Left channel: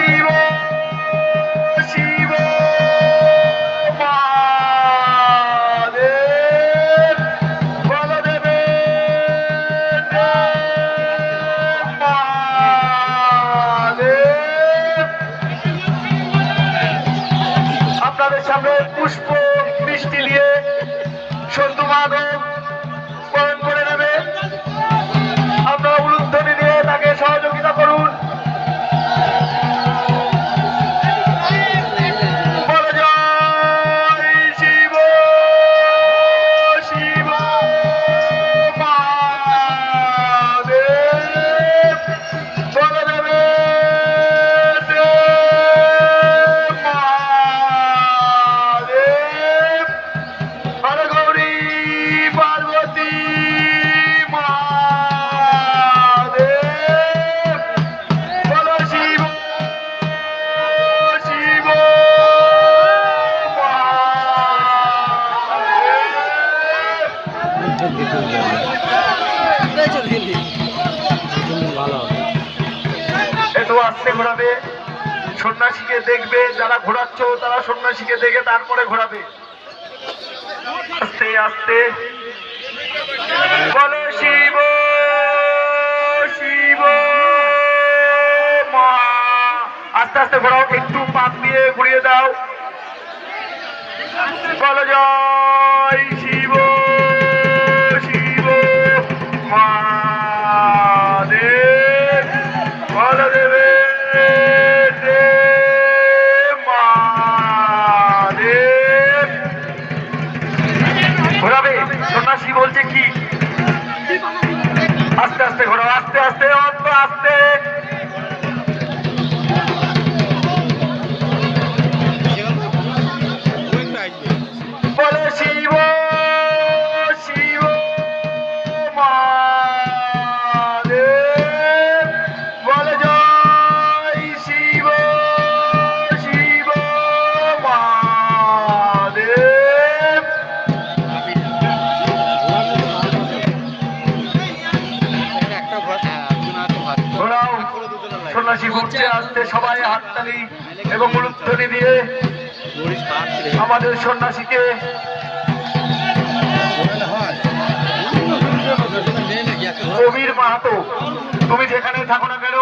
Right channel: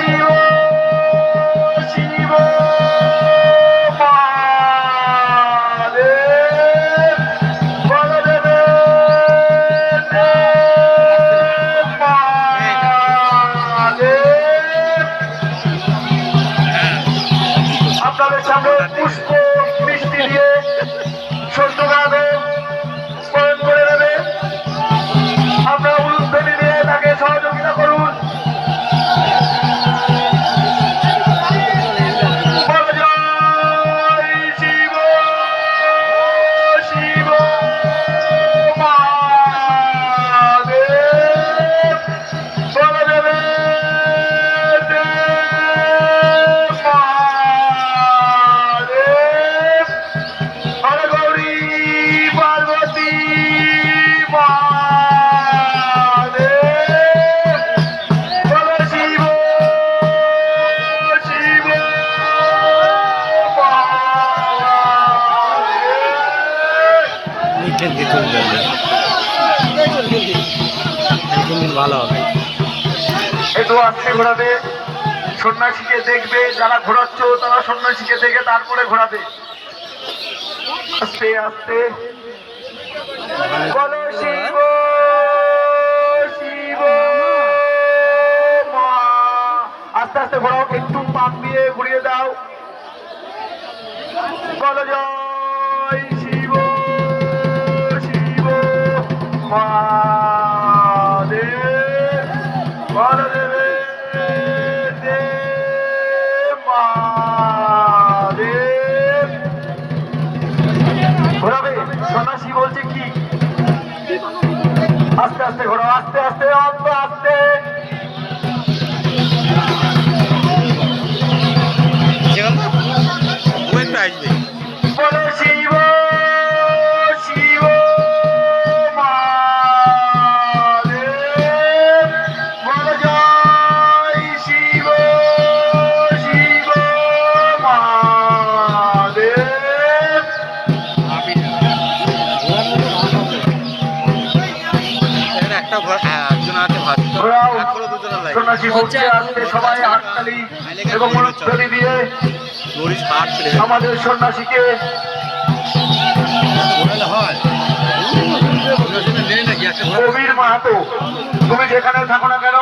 শিব শিব মহাদেব বলদেব আপনাদের সামনে পুষ্প মিষ্টি দিয়ে সন্ধ্যা মাধব স্মরণ করে নেবে। আমরা উলুধ্বনি দিয়ে তাকে সহযোগিতা করুন। শিব শিব মহাদেব বলদেব মহাদেব হরে গৌরী পার্বতী মহাদেব বল শিব শিব ভালো হবে। একটু আস্তে ঘোরাবে, সন্ন্যাসীকে দেখবে, যারা ঘোরাচ্ছ তারা সন্ন্যাসীকে দেখে তারপরে ঘোরাবে। আস্তে আস্তে বলো শিব শিব মহা। আস্তে আস্তে ঘোরাও, একটু পাক দিয়ে ঘুরিয়ে দাও। বলো জয় শিব শিব মহাদেব বলদেব মহাদেব। ঘোরাবে, সন্ন্যাসী বলছে কি? আস্তে আস্তে ঘোরাও, আস্তে আস্তে অল্প আস্তে। বলো শিব শিব মহাদেব বলো জয় শিব শিব মহাদেব। ঘোরাও, সন্ন্যাসী ঘুরতে আসতে সবাই হাততালি এবং উলুধ্বনি দিয়ে আমাদের সন্ন্যাসীকে কবির মাহাতো, তুমি যেখানে থাকো না কেন